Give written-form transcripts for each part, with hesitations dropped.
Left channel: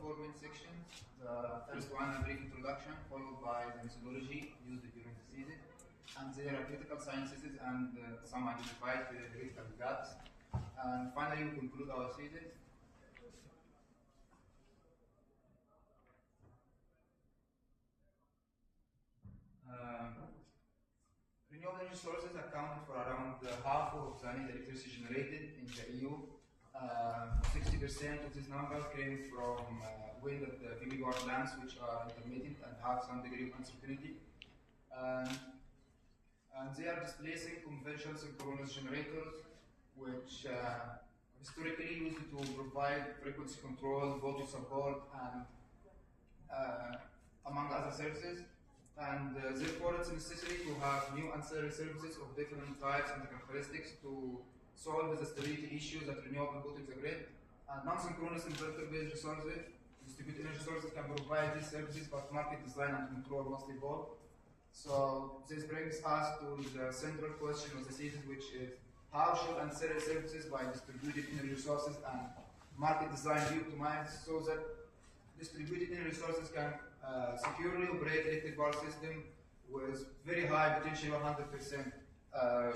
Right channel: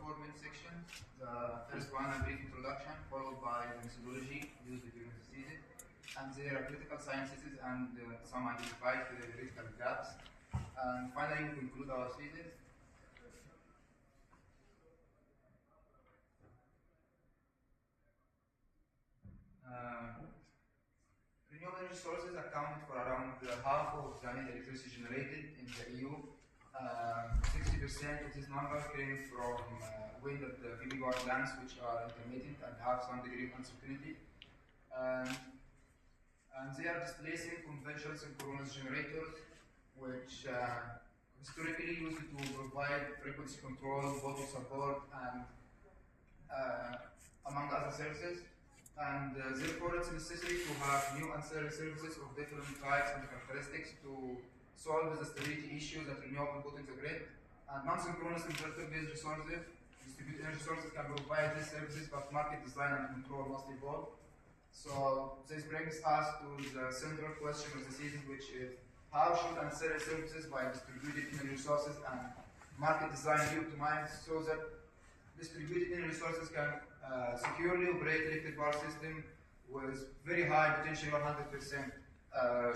four main sections. The first one, a brief introduction, followed by the methodology used during the thesis, and there are critical sciences and some identified theoretical gaps. And finally, we conclude our thesis. Renewable energy sources accounted for around half of the net electricity generated in the EU. 60% of this number came from wind at the PV power plants, which are intermittent and have some degree of uncertainty. And they are displacing conventional synchronous generators, which historically used to provide frequency control, voltage support, and among other services. And therefore, it's necessary to have new ancillary services of different types and characteristics to solve the stability issues that renewable put in the grid. And non-synchronous inverter-based resources, distributed energy sources can provide these services, but market design and control must evolve. So this brings us to the central question of the thesis, which is how should ancillary services by distributed energy resources and market design be optimized so that distributed energy resources can securely operate electric power system with very high potential 100%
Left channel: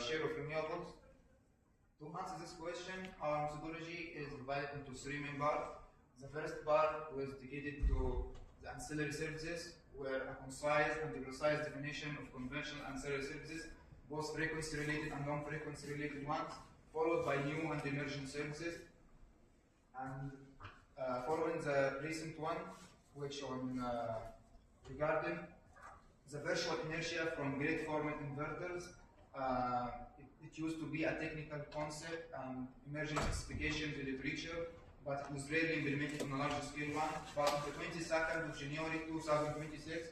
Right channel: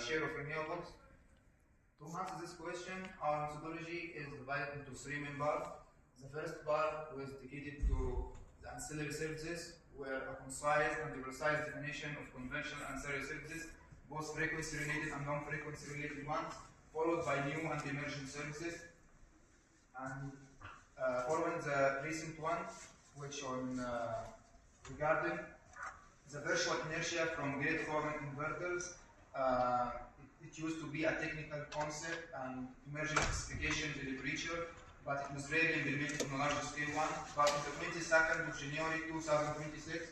share of renewables. To answer this question, our methodology is divided into three main parts. The first part was dedicated to the ancillary services, where a concise and precise definition of conventional ancillary services, both frequency-related and non-frequency-related ones, followed by new and emerging services. And following the recent one, which on regarding the virtual inertia from grid-forming inverters, it used to be a technical concept and emerging specifications in literature, but it was rarely implemented on a larger scale one. But on the 22nd of January 2026,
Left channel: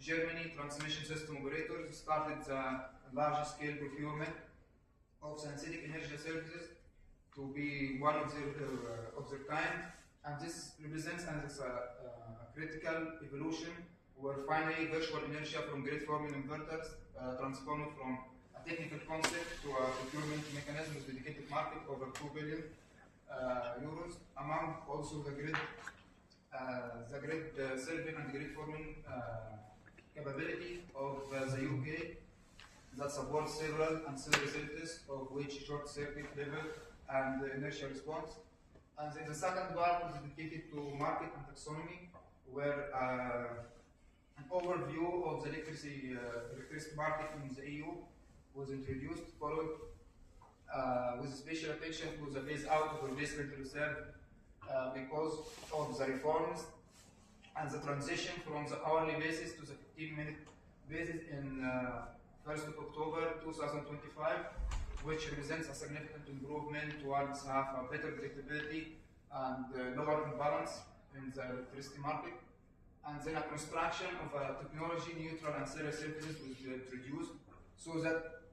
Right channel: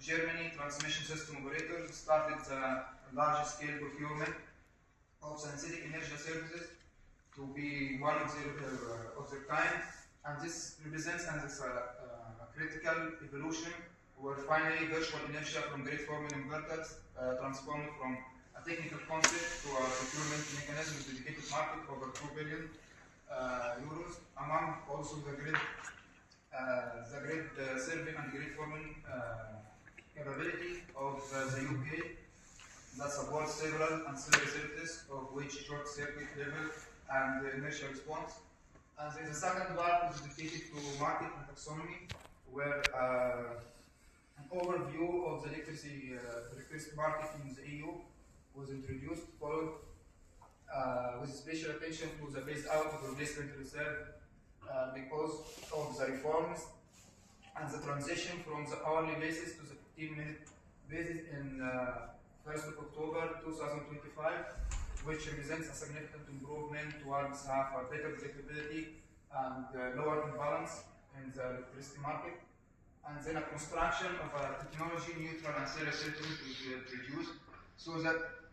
Germany transmission system operators started the large scale procurement of synthetic energy services to be one of their kind. And this represents a critical evolution where finally virtual inertia from grid-forming inverters transformed from a technical concept to a procurement mechanism with dedicated market over 2 billion euros, among also the grid serving and grid-forming capability of the UK that supports several ancillary services, of which short circuit level and inertial response. And then the second part is dedicated to market and taxonomy, where an overview of the electricity market in the EU was introduced, followed with special attention to the phase out of replacement reserve because of the reforms and the transition from the hourly basis to the 15-minute basis in 1st of October 2025. Which represents a significant improvement towards have a better predictability and lower imbalance in the electricity market. And then a construction of a technology-neutral ancillary services is introduced so that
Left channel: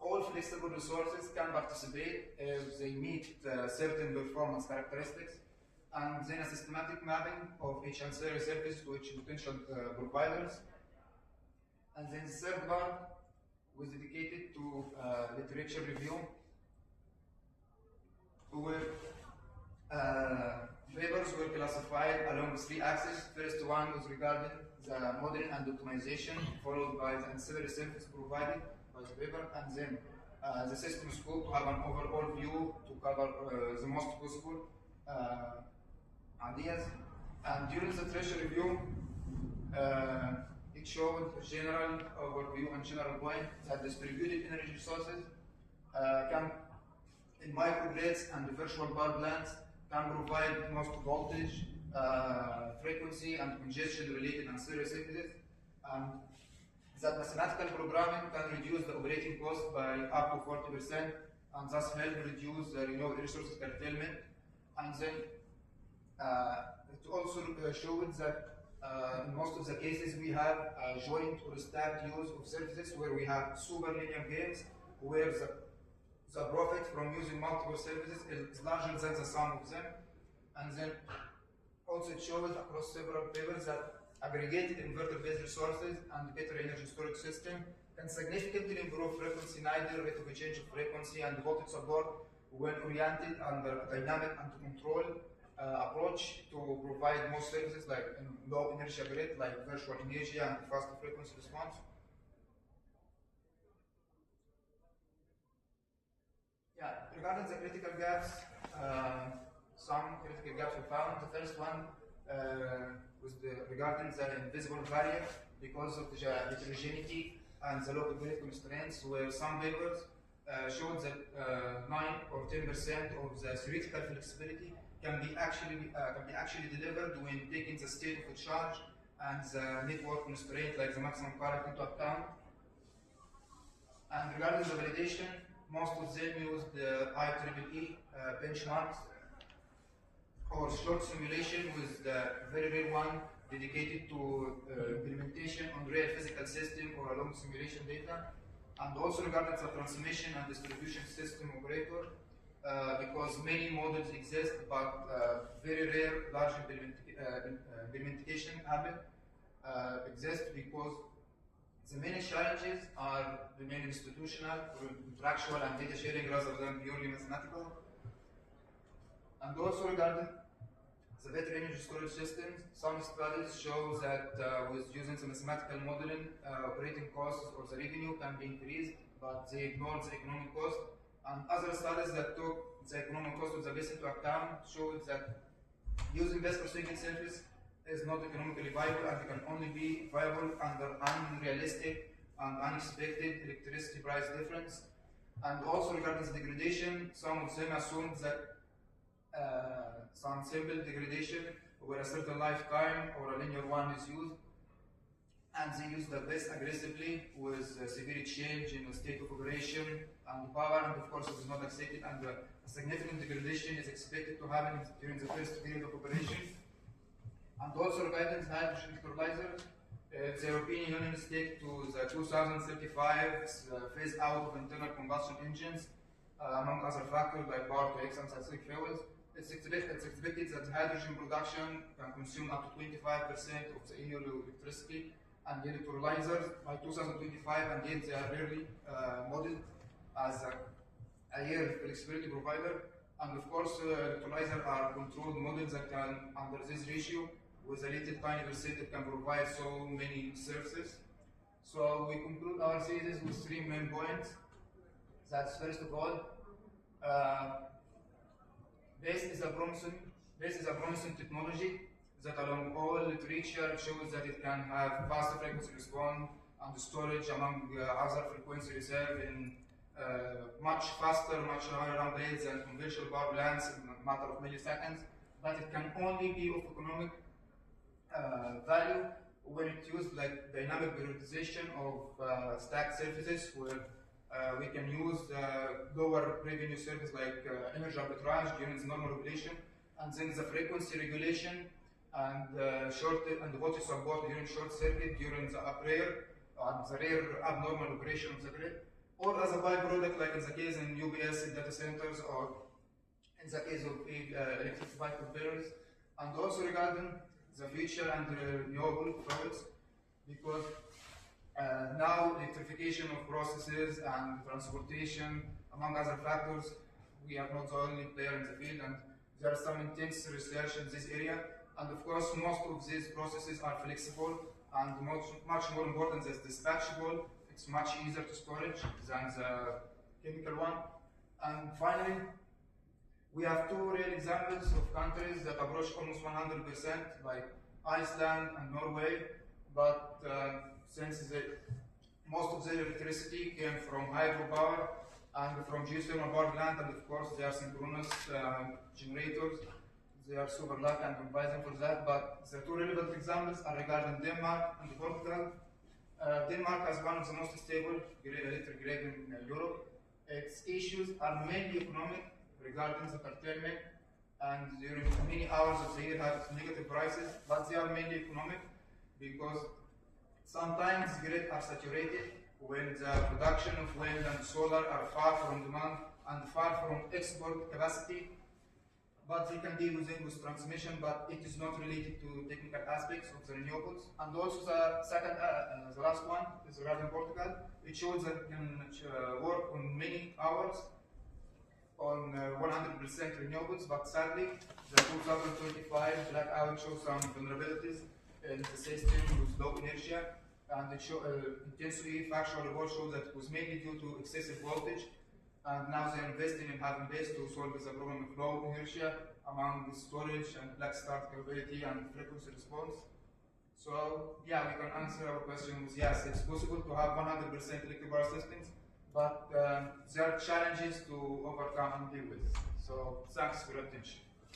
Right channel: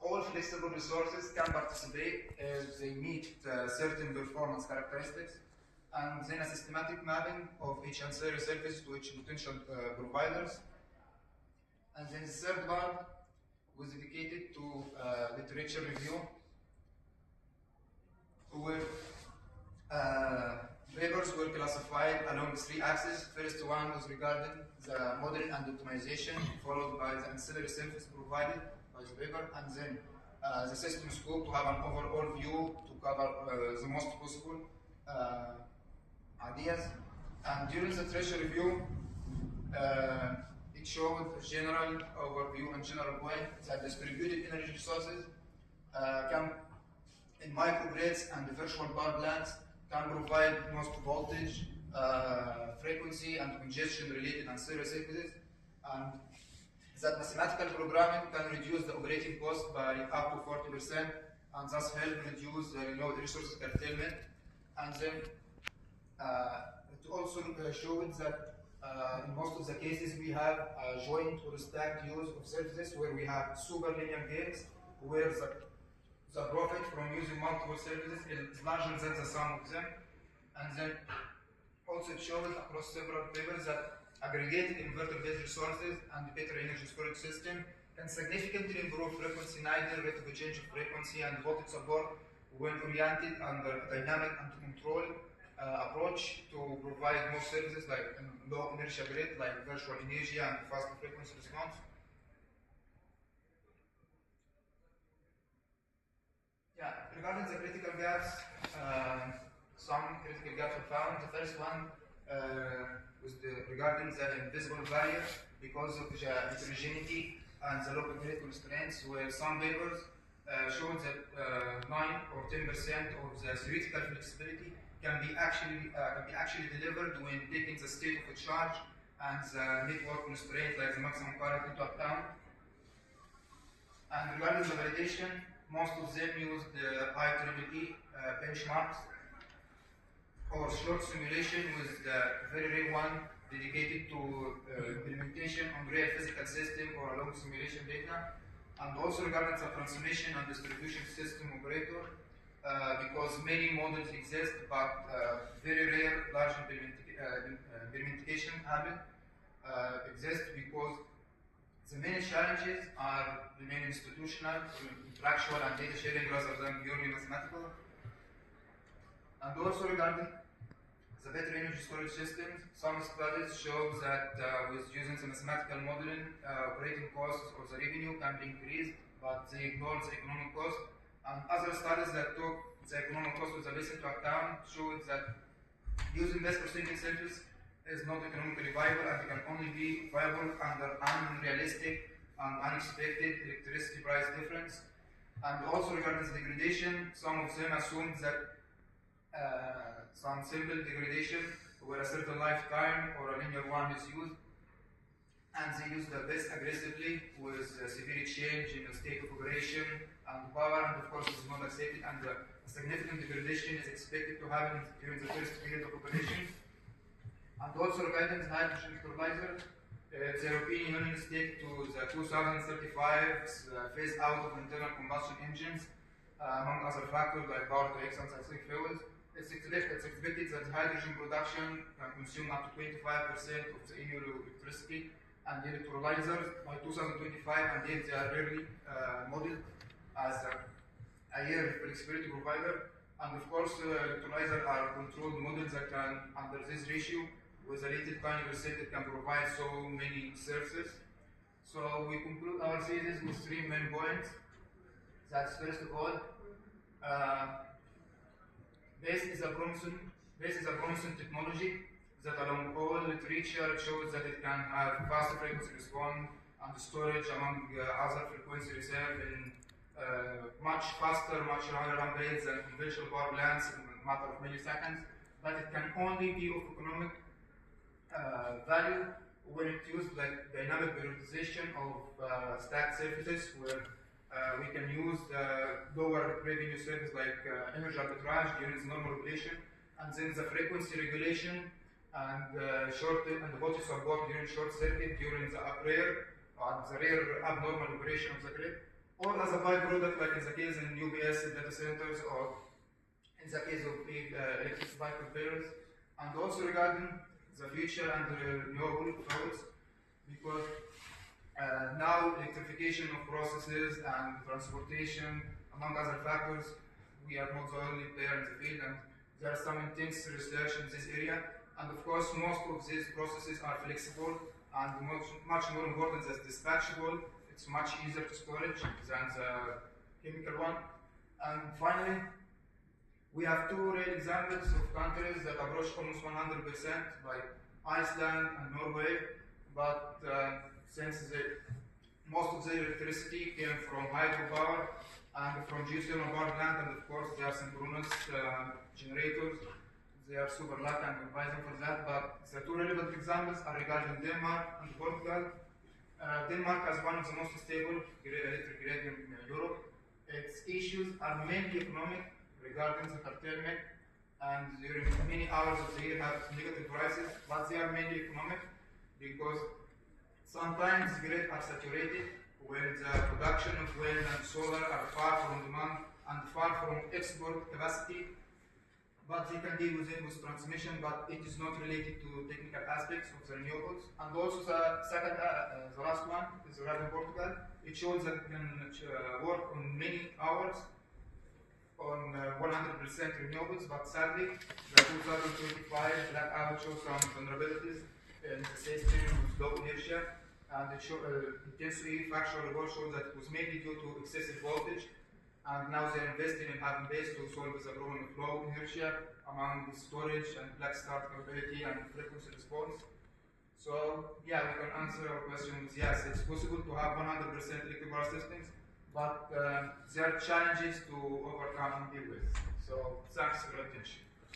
all flexible resources can participate if they meet certain performance characteristics, and then a systematic mapping of each ancillary service to each potential providers. And then the third part was dedicated to literature review, where papers were classified along three axes. First one was regarding the modeling and optimization, followed by the ancillary service provided by the paper, and then the system scope to have an overall view to cover the most possible ideas. And during the literature review, it showed a general overview and general point that distributed energy resources can, in microgrids and the virtual power plants, can provide most voltage, frequency, and congestion-related ancillary services, and that mathematical programming can reduce the operating cost by up to 40%, and thus help reduce the renewable resources curtailment. And then it also showed that in most of the cases, we have a joint or stacked use of services where we have super linear gains, where the profit from using multiple services is larger than the sum of them. And then also it shows across several papers that aggregated inverter-based resources and better energy storage system can significantly improve frequency neither rate of change of frequency and voltage support when oriented under dynamic and control approach to provide more services like low inertia grid, like virtual energy and fast frequency response. Yeah, regarding the critical gaps, some critical gaps were found. The first one was regarding the invisible barrier because of the heterogeneity and the local grid constraints, where some papers showed that 9 or 10% of the theoretical flexibility can be actually delivered when taking the state of the charge and the network constraint, like the maximum current, into account. And regarding the validation, most of them use the IEEE benchmarks or short simulation, with the very rare one dedicated to implementation on real physical system or a long simulation data. And also regarding the transmission and distribution system operator, because many models exist, but very rare large implementation exist, because the main challenges remain institutional, contractual, and data sharing rather than purely mathematical. And also regarding the better energy storage systems, some studies show that with using the mathematical modeling, operating costs or the revenue can be increased, but they ignore the economic cost. And other studies that took the economic cost of the base into account showed that using less per single surface is not economically viable, and it can only be viable under unrealistic and unexpected electricity price difference. And also regarding the degradation, some of them assumed that some simple degradation where a certain lifetime or a linear one is used, and they use the best aggressively with severe change in the state of operation and power, and of course it is not accepted, and a significant degradation is expected to happen during the first period of operation. And also regarding the hydrogen electrolyzer, the European Union stick to the 2035 phase out of internal combustion engines, among other factors like power to X and synthetic fuels. It's expected that hydrogen production can consume up to 25% of the EU electricity and the electrolyzers by 2025, and yet they are rarely modeled as a year flexibility provider. And of course, electrolyzers are controlled models that can, under this ratio, with a rated tiny percent, it can provide so many services. So we conclude our thesis with 3 main points. That's first of all, BASE is a promising technology that along all literature shows that it can have fast frequency response and storage among other frequency reserve in much faster, much higher ramp rates than conventional power plants in a matter of milliseconds, but it can only be of economic value when it's used like dynamic periodization of stacked surfaces, where we can use lower revenue service like energy arbitrage during the normal operation, and then the frequency regulation and the voltage support during short circuit during the rare abnormal operation of the grid, or as a byproduct like in the case in UPS in data centers, or in the case of electrified conveyors. And also regarding the future and the renewable fuels, because now electrification of processes and transportation, among other factors, we are not the only player in the field, and there is some intense research in this area. And of course, most of these processes are flexible and much more important as dispatchable. It's much easier to storage than the chemical one. And finally, we have 2 real examples of countries that approach almost 100%, like Iceland and Norway, but since most of their electricity came from hydropower and from geothermal power plant, and of course they are synchronous generators, they are super lucky and advise them for that. But the 2 relevant examples are regarding Denmark and Portugal. Denmark has one of the most stable electric grid in Europe. Its issues are mainly economic, regarding the curtailment, and during many hours of the year have negative prices, but they are mainly economic because sometimes grids are saturated when the production of wind and solar are far from demand and far from export capacity, but they can deal with transmission, but it is not related to technical aspects of the renewables. And also the last one is regarding Portugal. It shows that it can work on many hours on 100% renewables, but sadly, the 2025 blackout shows some vulnerabilities in the system with low inertia, and intensely factual report shows that it was mainly due to excessive voltage, and now they're investing in having base to solve the problem of low inertia among the storage and black start capability and frequency response. So yeah, we can answer our question with yes, it's possible to have 100% electric power systems, but there are challenges to overcome and deal with. So thanks for your attention.